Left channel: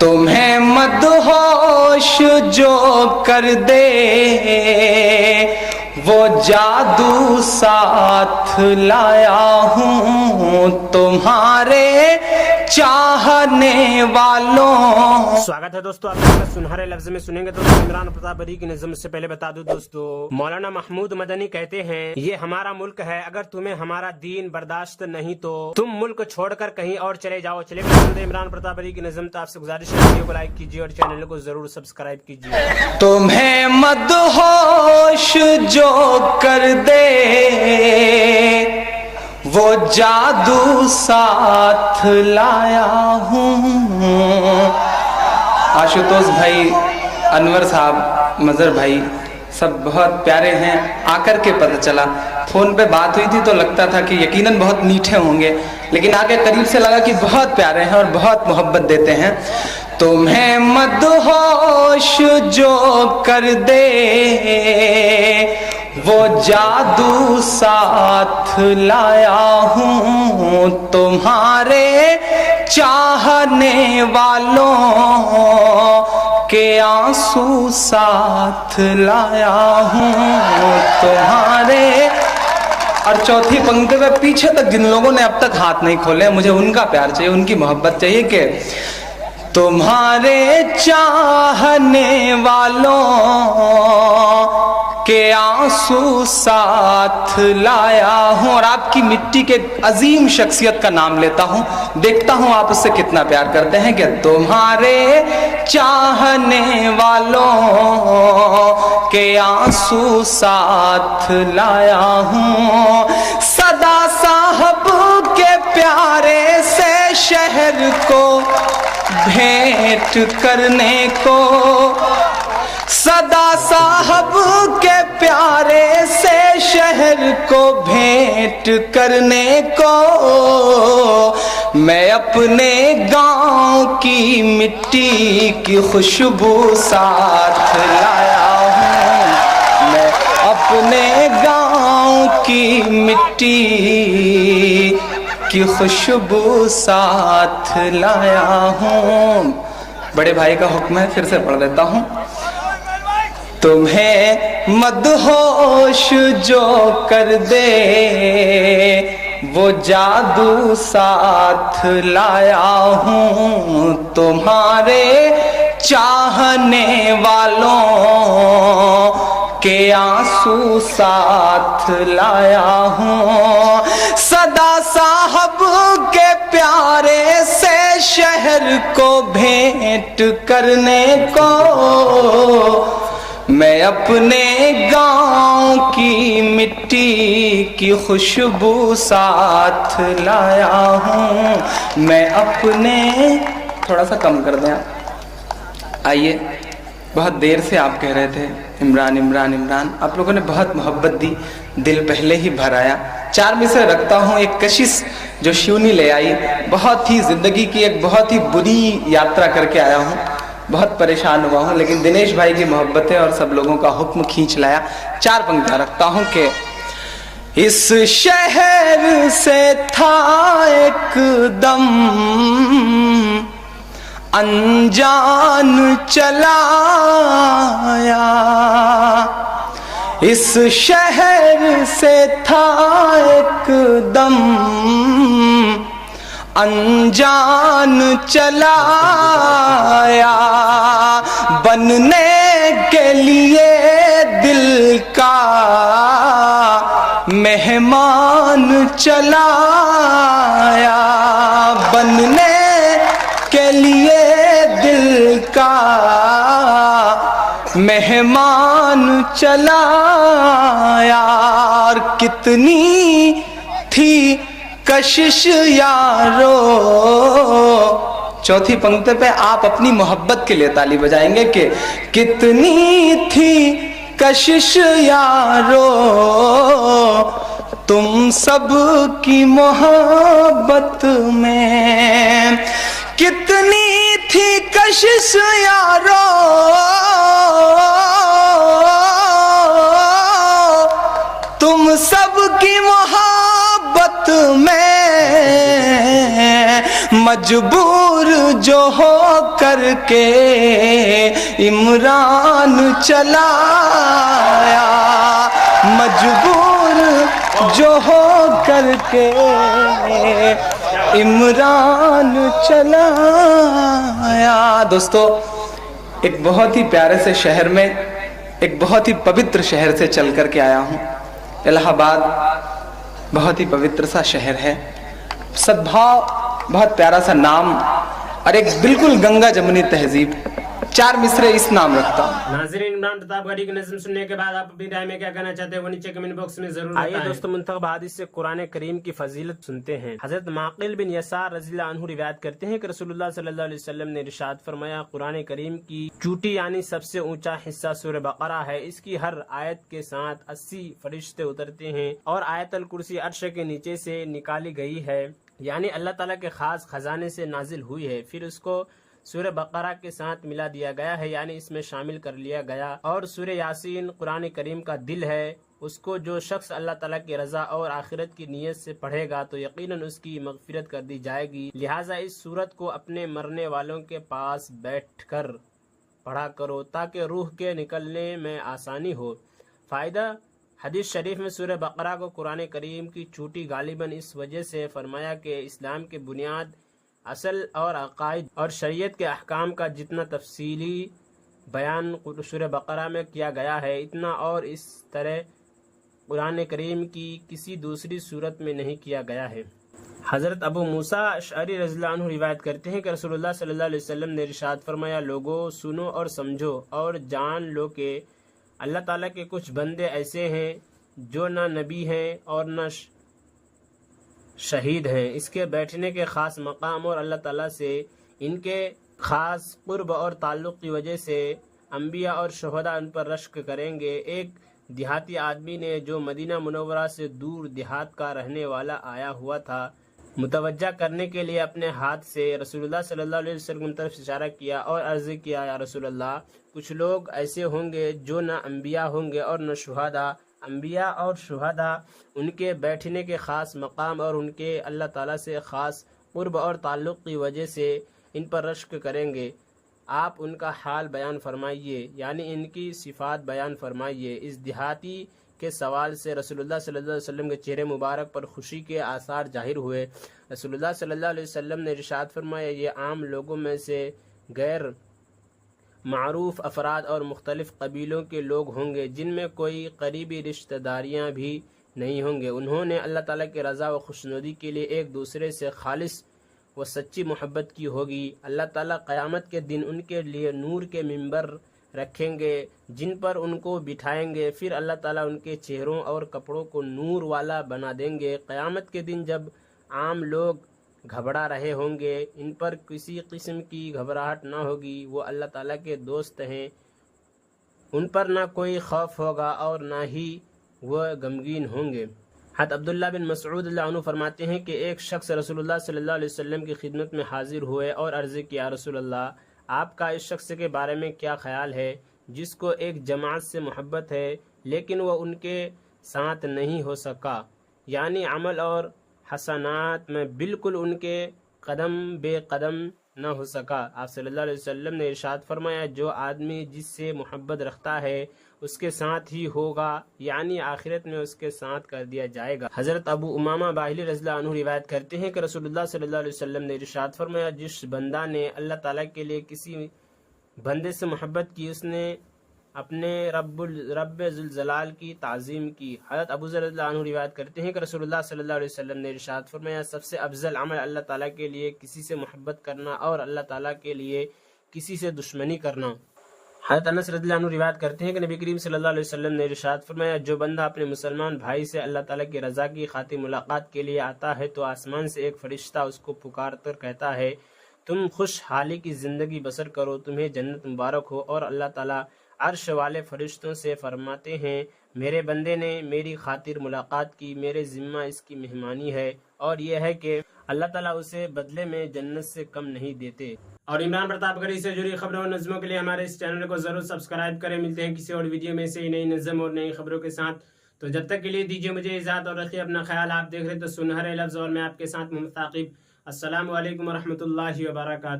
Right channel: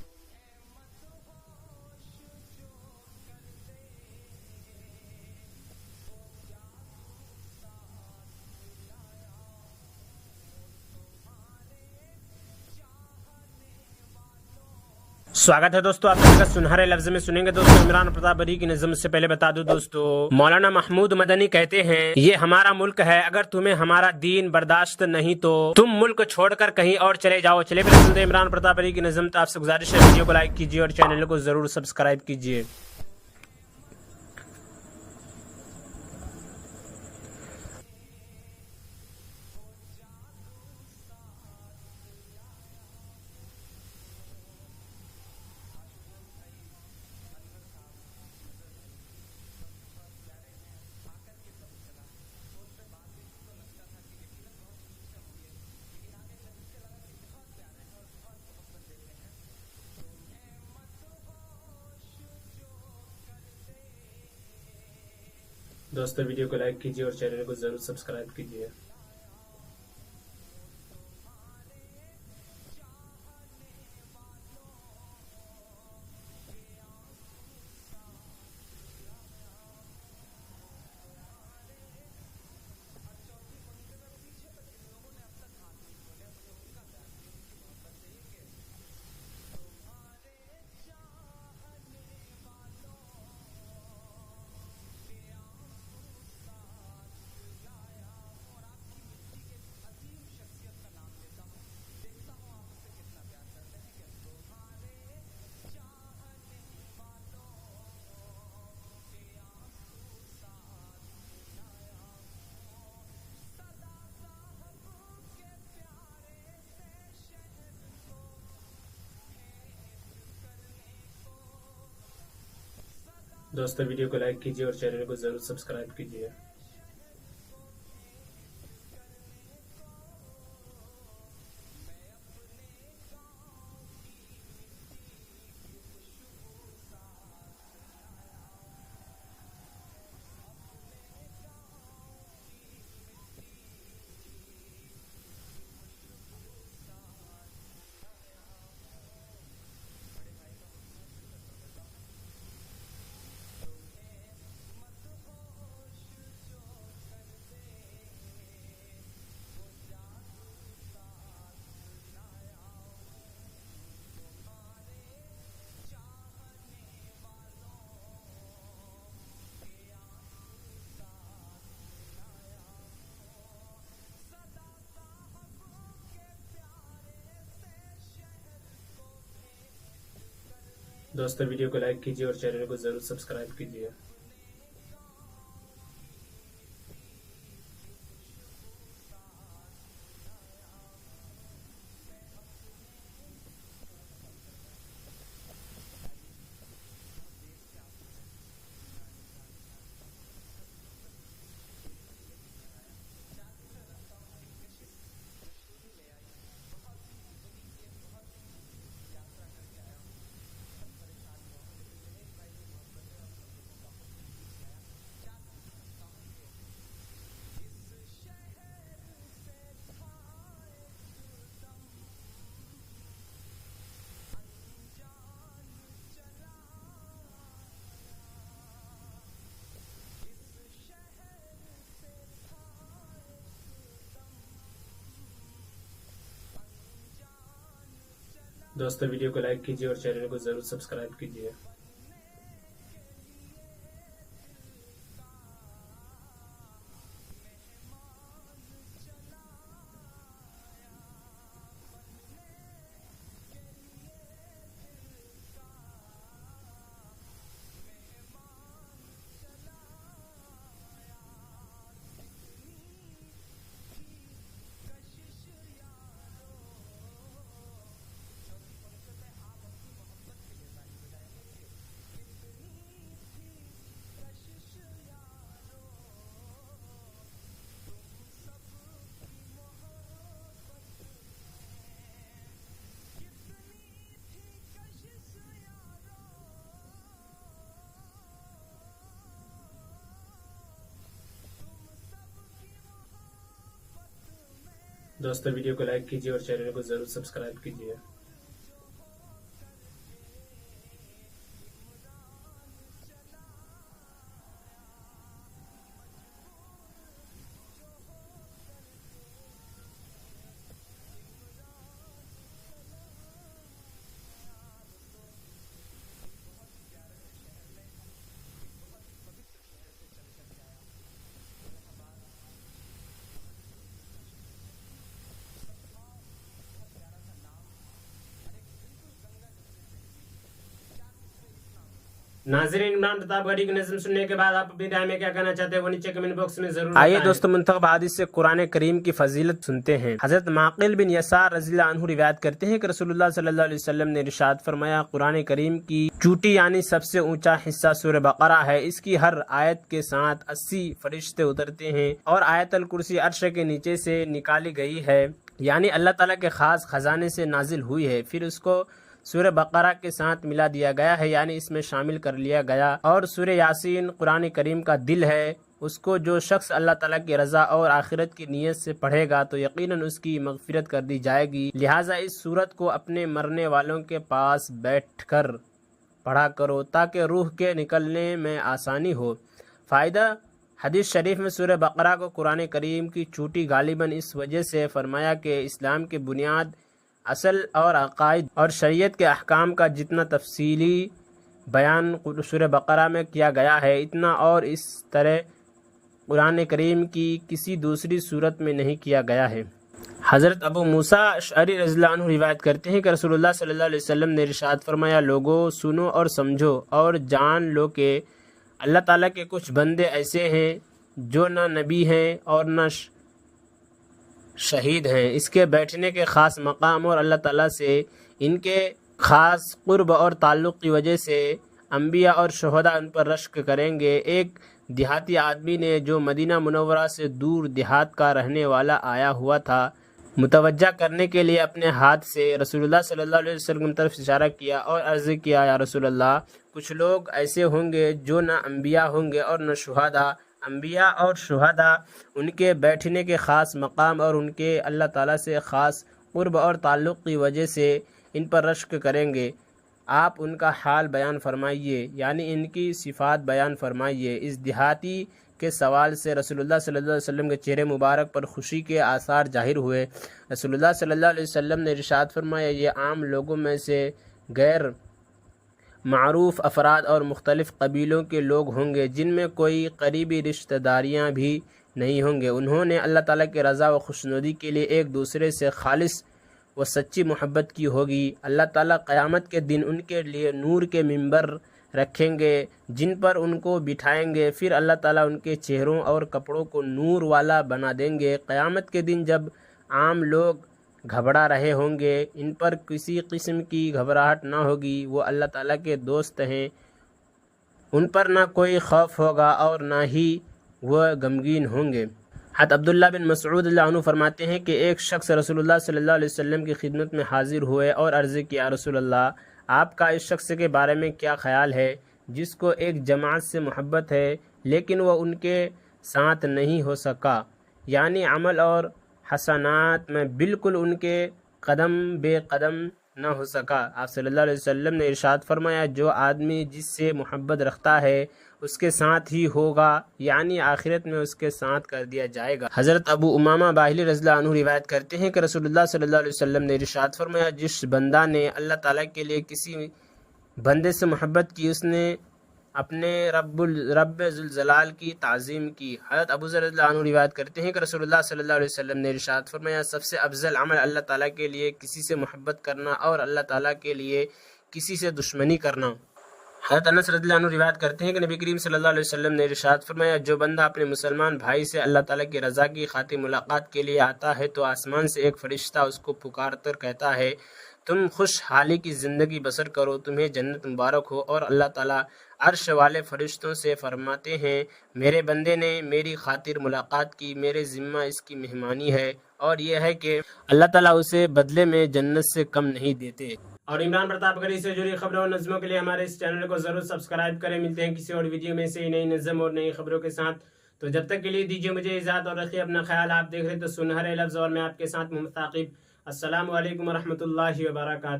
تمہیں مدہوش جو کر دے وہ جادو ساتھ لایا ہوں تمہارے چاہنے والوں. سواگت ہے دوستو، آپ کا سنہرے لفظ میں سنیں گے دوستو عمران پرتاپ بری کی نظم سے. پہلے بتا دوں دوستو، مولانا محمود مدنی کہتے ہیں یہ ہمارا ملک ہے، اگر تمہیں ہمارا دین برداشت نہیں تو تم ملک چھوڑ کر کہیں اور چلے جاؤ. چلے سنتے عمران پرتاپ بری کی نظم. آپ سے گزارش ہے ویڈیو کو لائک کیجیے اور چینل کو ضرور سبسکرائب کیجیے. تمہیں مدہوش جو کر دے وہ جادو ساتھ لایا ہوں. آشوتوش بھائی، انور صاحب، مظہر بھائی سب بہت پیارے ہیں. آ کر کے پتہ چلا، فون پہ بات ہوئی تھی تو لگتا تھا کہ یقیناً بہت میٹھے ہوں گے، لیکن آ کے قریب سے لگا کہ بہت پیارے ہیں اور بہت محبت دیتے ہیں. تمہیں مدہوش جو کر دے وہ جادو ساتھ لایا ہوں تمہارے چاہنے والوں کے آنسو ساتھ لایا ہوں تمہارے. اور چوتھی پنکتی میں پیچھے تک جن لوگوں نے اب تک ہاتھ نہیں کھولے، مجھے ان کا پیار چاہیے، ان کی محبت چاہیے کہ تمہارے چاہنے والوں کے آنسو ساتھ لایا ہوں. اور آپ کی مٹی کے عظیم شخصیت کا نام لیتا ہوں، دیکھتا ہوں آپ اس سے کتنا پیار کرتے ہیں کہ تمہارے چاہنے والوں کے آنسو ساتھ لایا ہوں. صدا صاحب کے پیارے سے شہر کو بھیٹ کرنے کو، صدا صاحب کے پیارے سے شہر کو بھیٹ کرنے کو میں اپنے گاؤں کی مٹی کی خوشبو ساتھ لایا ہوں. میں اپنے گاؤں کی مٹی کی خوشبو ساتھ لایا ہوں. بڑے بھائی کا حکم ہے، پھر سے پڑھ دیتا ہوں. تمہیں مدہوش جو کر دے وہ جادو ساتھ لایا ہوں تمہارے چاہنے والوں کے آنسو ساتھ لایا ہوں. صدا صاحب کے پیارے سے شہر کو بھیٹ کرنے کو میں اپنے گاؤں کی مٹی کی خوشبو ساتھ لایا ہوں. میں اپنے تھوڑا سا کم کر دیں آپ. آئیے، بہت دیر سے آپ کہہ رہے تھے عمران عمران عمران، آپ لوگوں نے بہت محبت دی، دل پہلے ہی بھر آیا. 4 مصرع رکھتا ہوں. ایک کشش جو شیونی لے آئی، بہت ہی زندگی کی ایک بہت ہی بری یاترا کر کے آیا ہوں، بہت پریشان ہوا ہوں، لیکن دنیش بھائی کی محبتیں اور سب لوگوں کا حکم کھینچ لایا. 4 پنکتیاں رکھتا ہوں کہ اس شہر سے تھا ایک دم انجان چلا آیا، اس شہر سے تھا ایک دم انجان چلا آیا، بننے کے لیے دل کا مہمان چلا آیا، بننے کے لیے دل کا مہمان چلا آیا. اور کتنی تھی کشش یارو. چوتھی پنکتی پہ آپ اپنی محبت کے لیے تالی بجائیں گے کہ کتنی تھی کشش یارو تم سب کی محبت میں، کتنی تھی کشش یارو تم سب کی محبت میں، مجبور جو ہو کر کے عمران چلا آیا، مجبور جو ہو کر کے عمران چلا آیا۔ دوستو، ایک بہت ہی پیارے سے شہر میں، ایک بہت ہی پوتر شہر سے چل کر کے آیا ہوں۔ الہ آباد بہت ہی پوتر سا شہر ہے، سدبھاؤ، بہت پیارا سا نام، اور ایک بالکل گنگا جمنی تہذیب۔ 4 مصرے اس نام رکھتا ہوں۔ ناظرین، عمران پرتاپ گڑھی کی نظم سننے کے بعد آپ اپنی رائے میں کیا کہنا چاہتے ہیں وہ نیچے کمنٹ باکس میں ضرور بتائیں۔ آئیے دوستو، منتخب حدیث سے قرآن کریم کی فضیلت سنتے ہیں۔ حضرت معقل بن یسار رضی اللہ عنہ روایت کرتے ہیں کہ رسول اللہ صلی اللہ علیہ وسلم نے ارشاد فرمایا، قرآن کریم کی چوٹی یعنی سب سے اونچا حصہ سورہ بقرہ ہے، اس کی ہر آیت کے ساتھ 80 فرشتے اترتے ہیں، اور آیت الکرسی عرش کے نیچے سے نکالی گئی ہے، یعنی اللہ تعالیٰ کے خاص خزانے سے نازل ہوئی ہے، پھر اس کو سورہ بقرہ کے ساتھ ملا دیا گیا ہے، یعنی اس میں شامل کر لیا گیا۔ اور سورہ یاسین قرآن کریم کا دل ہے، اس کو جو شخص اللہ تعالیٰ کی رضا اور آخرت کی نیت سے پڑھے گا تو یقیناً اس کی مغفرت کر دی جائے گی، لہٰذا اس سورت کو اپنے مرنے والوں کے پاس بیٹھ کر پڑھا کرو تاکہ روح کے نکلنے میں آسانی ہو۔ فائدہ: حدیث شریف میں سورہ بقرہ کو قرآن کریم کی چوٹی غالباً اس وجہ سے فرمایا کہ اسلام کے بنیاد، اصل اور عقائد اور شریعت کے احکام کا جتنا تفصیلی بیان سورہ بقرہ میں کیا گیا ہے، اتنا اور اس طرح قرآن کریم کی کسی دوسری صورت میں نہیں کیا گیا ہے۔ حضرت ابو موسیٰ اشعری رضی اللہ عنہ روایت کرتے ہیں کہ رسول اللہ صلی اللہ علیہ وسلم نے ارشاد فرمایا، لوگو سنو اور سمجھو اور جان لو کہ اللہ تعالیٰ کے کچھ بندے ایسے ہیں جو نہ نبی ہیں اور نہ شہید ہیں، اس کے بیٹھنے کے خاص مقام اور اللہ تعالیٰ سے ان کے خاص قرب اور تعلق کی وجہ سے انبیاء اور شہداء ان پر رشک کریں گے۔ ایک دیہاتی آدمی نے جو مدینہ منورہ سے دور دیہات کا رہنے والا آیا ہوا تھا، متوجہ کرنے کے لیے اپنے ہاتھ سے رسول اللہ صلی اللہ علیہ وسلم کی طرف اشارہ کیا اور عرض کیا، یا رسول اللہ، کچھ لوگ ایسے ہوں گے جو نہ انبیاء ہوں گے اور نہ شہداء، انبیاء اور شہداء ان کے بیٹھنے کے خاص مقام اور ان کے اللہ تعالیٰ سے خاص قرب اور تعلق کی وجہ سے ان پر رشک کریں گے، آپ ان کا حال بیان فرمائیے، یعنی ان کی صفات بیان فرمائیے۔ اس دیہاتی کے سوال سے رسول اللہ صلی اللہ علیہ وسلم کے چہرے مبارک پر خوشی کے آثار ظاہر ہوئے۔ رسول اللہ صلی اللہ علیہ وسلم نے ارشاد فرمایا، یہ عام لوگوں میں سے غیر معروف افراد اور مختلف قبیلوں کے لوگ ہوں گے جن میں کوئی قریبی رشتہ داریاں بھی نہیں ہوں گے، انہوں نے اللہ تعالیٰ کی رضا و خوشنودی کے لیے ایک دوسرے سے خالص و سچی محبت کی ہوگی۔ اللہ تعالیٰ قیامت کے دن ان کے لیے نور کے ممبر رکھیں گے جن پر ان کو بٹھائیں گے، پھر اللہ تعالیٰ ان کے چہروں اور کپڑوں کو نور والا بنا دیں گے۔ قیامت کے دن جب عام لوگ گھبرا رہے ہوں گے، ان پر کسی قسم کی گھبراہٹ نہ ہوگی، وہ اللہ تعالیٰ کے دوست ہیں، ان پر نہ کوئی خوف ہوگا اور نہ ہی وہ غمگین ہوں گے۔ حضرت عبداللہ بن مسعود اللہ عنہ فرماتے ہیں کہ ایک شخص رسول اللہ صلی اللہ علیہ وسلم کی خدمت میں حاضر ہوئے اور عرض کیا، رسول اللہ، آپ کا اس شخص کے بارے میں کیا خیال ہے جس کو ایک جماعت سے محبت ہے لیکن وہ ان کے ساتھ نہیں ہو سکا، یعنی عمل اور حسنات میں بالکل ان کے قدم بے قدم نہ ہو سکا۔ آپ صلی اللہ علیہ وسلم نے ارشاد فرمایا، جو آدمی جس سے محبت رکھتا ہے اس کے ساتھ ہی ہوگا، یعنی آخرت میں اس کے ساتھ کر دیا جائے گا۔ حضرت ابو امامہ باہلی رضی اللہ عنہ روایت کرتے ہیں کہ رسول اللہ صلی اللہ علیہ وسلم نے ارشاد فرمایا، جس بندہ نے اللہ تعالیٰ کے لیے کسی بندے سے محبت کی، اس نے اپنے رب ذوالجلال کی تعظیم کی۔ حضرت ابو ذر رضی اللہ عنہ روایت کرتے ہیں کہ رسول اللہ صلی اللہ علیہ وسلم نے ارشاد فرمایا، سب سے افضل عمل اللہ تعالیٰ کے لیے کسی سے محبت کرنا اور اللہ تعالیٰ کے لیے کسی سے دشمنی کرنا۔ حضرت انس رضی اللہ عنہ روایت کرتے ہیں کہ نبی کریم صلی اللہ علیہ وسلم نے ارشاد فرمایا، جو بندہ اپنے مسلمان بھائی سے اللہ تعالیٰ کی رضا کی خاطر ملاقات کے لیے آتا ہے تو آسمان سے ایک فرشتہ اس کو پکار کر کہتا ہے، تم خوشحالی کی زندگی بسر کرو، تمہیں جنت مبارک ہو، اور اللہ تعالیٰ عرش والے فرشتوں سے فرماتے ہیں، میرے بندے نے میری خاطر ملاقات کی، میرے ذمہ اس کی مہمانی ہے، اور یہ ہے کہ اللہ تعالیٰ اسے بدلے میں جنت سے کم نہیں دیتے۔ اور عمران پرتاپ گڑھی سے جڑی خبروں اور نظموں کے لیے ہمارے اس چینل کو ضرور سبسکرائب کریں۔ ملتے ہیں کسی اور ویڈیو میں سے نئی نظم اور نئی خبروں کے ساتھ، تو جب تک کے لیے دیجیے مجھے اجازت اور رکھیے اپنا خیال۔ آپ دیکھ رہے تو سنہرے لفظ اور میں آپ کے ساتھ محمد ثاقب۔ السلام علیکم ورحمۃ اللہ وبرکاتہ.